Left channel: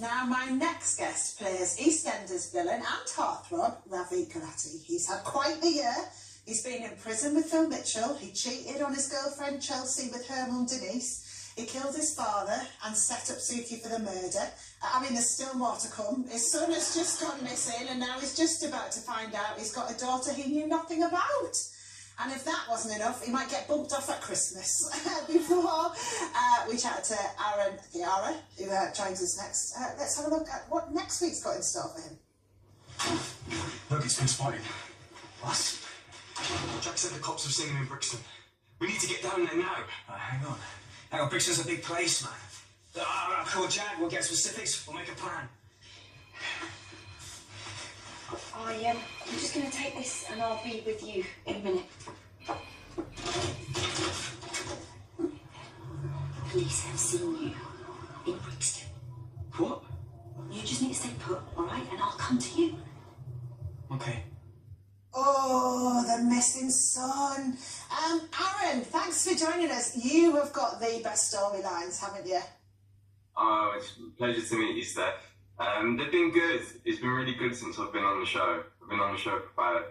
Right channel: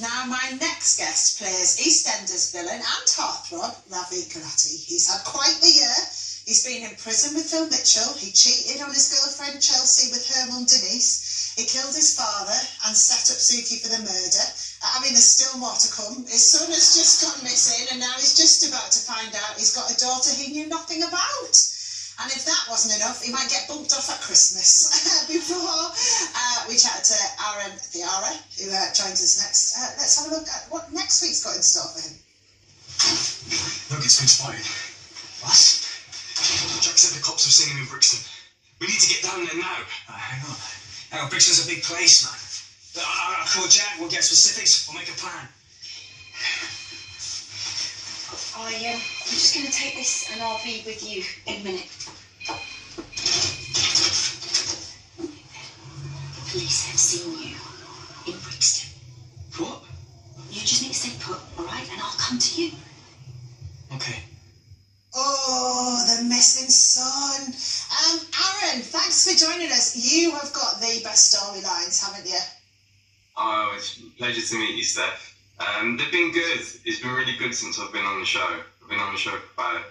Now, my next guest plays EastEnders villain and heartthrob, Ravi. He's had quite the year. He's been in prison with Phil Mitchell. He cheated on his girlfriend Chelsea with her mum Denise. He killed his father and set up Suki for the murder. I mean, there's still more to come. His son has just gone missing and now he's just about to find out he's got a daughter he knew nothing about. And if that wasn't enough, he might get bumped off at Christmas. Before we chatted to Thiara, who joins us next. Let's have a look at what next week's got in store for him. Look, it's been spotted. What? Jack said the cops have seen him in Brixton. We need to get down there now. Hang on. Brixton's a big place, man. I'll call Jack, we'll get specifics, we'll make a plan. I'm just going to take this and I'll be with you in a minute. Police have seen you in Brixton. What? You just need to stay put, all right? And I'll come to you. Okay. Oh, the missing son. Aaron, thanks for joining us. You have got the best storylines, haven't you? Oh, it's a pleasure to meet you, Steph. They've been good. It's been really good since I've been on the show. I've been on the show for about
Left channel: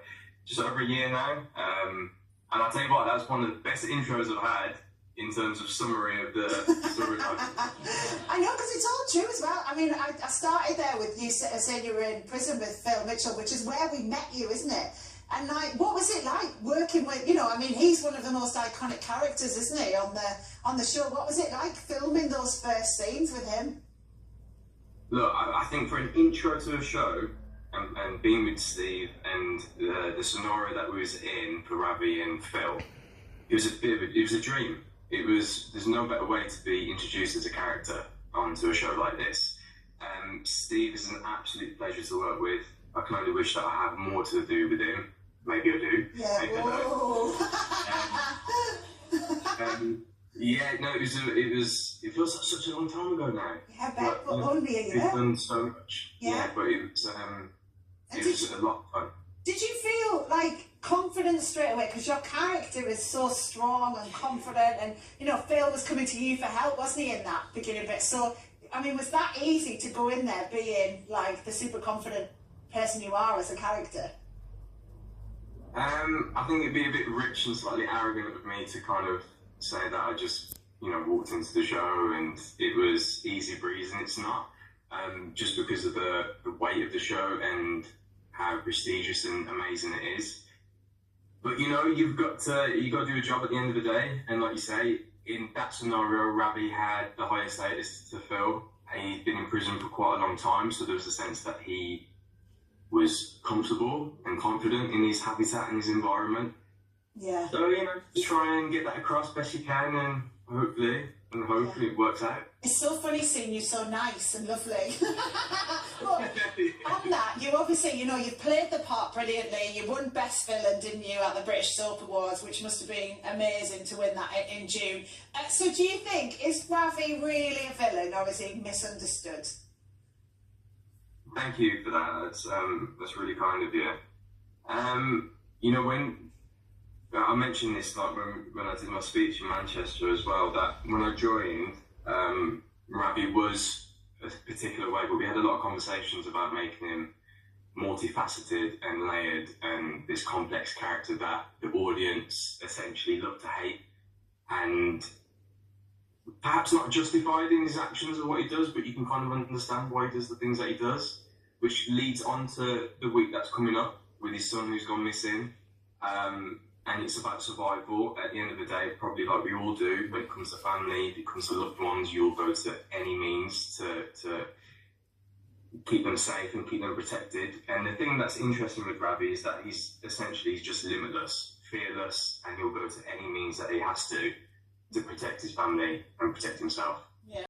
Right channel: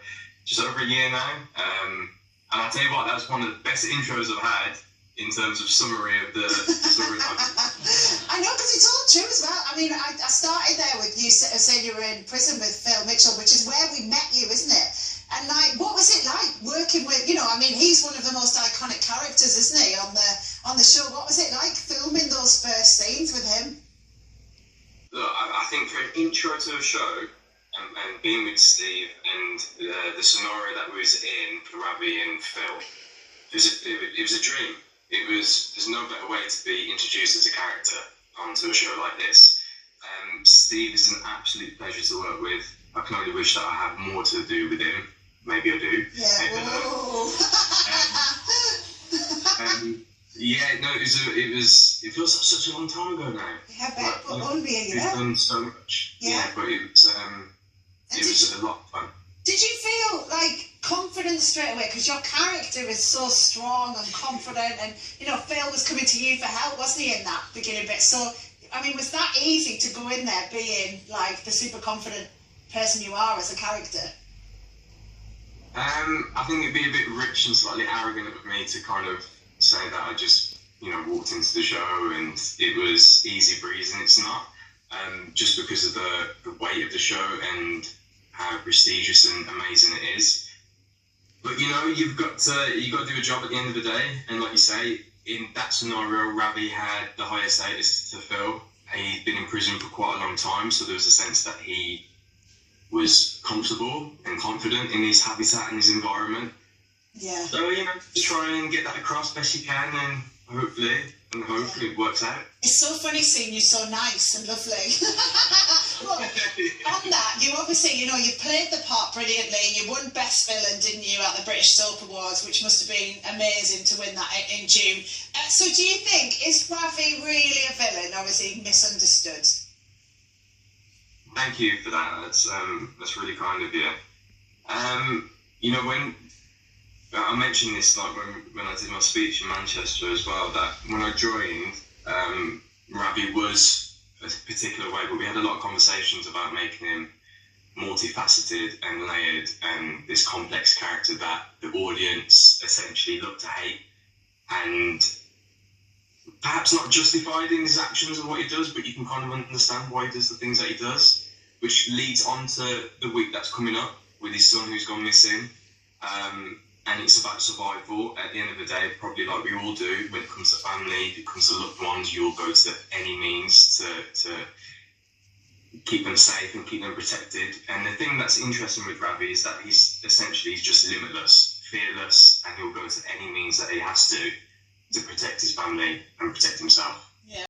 just over a year now. And I'll tell you what, that was one of the best intros I've had in terms of summary of the storyline. I know, because it's all true as well. I mean, I started there with you saying you were in prison with Phil Mitchell, which is where we met you, isn't it? And like, what was it like working with, I mean, he's one of the most iconic characters, isn't he, on the show? What was it like filming those first scenes with him? Look, I think for an intro to a show, and being with Steve and the scenario that we was in for Ravi and Phil, it was a dream. There's no better way to be introduced as a character onto a show like this. Steve is an absolute pleasure to work with. I can only wish that I had more to do with him. Maybe I do. Yeah. Maybe Whoa. It feels like such a long time ago now. Yeah, but only a year. We've done so much. Yeah, but it was a lot of fun. Did you feel like confident straight away? Because your character is so strong and confident, and Phil was coming to you for help, wasn't he, in that beginning bit? So, I mean, was that easy to go in there being like the super confident person you are as a character? I think it'd be a bit rich and slightly arrogant of me to kind of say that I just, walked into the show and it was easy breeze, and it's not. Just because of the weight of the show and how prestigious and amazing it is. But you've got to do a job at the end of the day, and like you say, in that scenario, Ravi had the highest status to Phil. He'd been in prison for quite a long time, so there was a sense that he was comfortable and confident in his habitat and his environment. Yeah. So, just try and get that across best you can, and hopefully it works out. It's so funny seeing you so nice and lovely. Well, on that, you obviously, you played the part brilliantly. You won Best Villain, didn't you, at the British Soap Awards, which must have been amazing to win that in June. So do you think, is Ravi really a villain, or is he misunderstood? Thank you for that. That's really kind of you. When I mentioned this, like when I did my speech in Manchester as well, that when I joined, Ravi was a particular way, but we had a lot of conversations about making him multifaceted and layered and this complex character that the audience essentially look to hate, and perhaps not justified in his actions or what he does, but you can kind of understand why he does the things that he does, which leads on to the week that's coming up with his son who's gone missing. And it's about survival. At the end of the day, probably like we all do, when it comes to family, if it comes to loved ones, you'll go to any means to keep them safe and keep them protected. And the thing that's interesting with Ravi is that he's just limitless, fearless, and he'll go to any means that he has to protect his family and protect himself.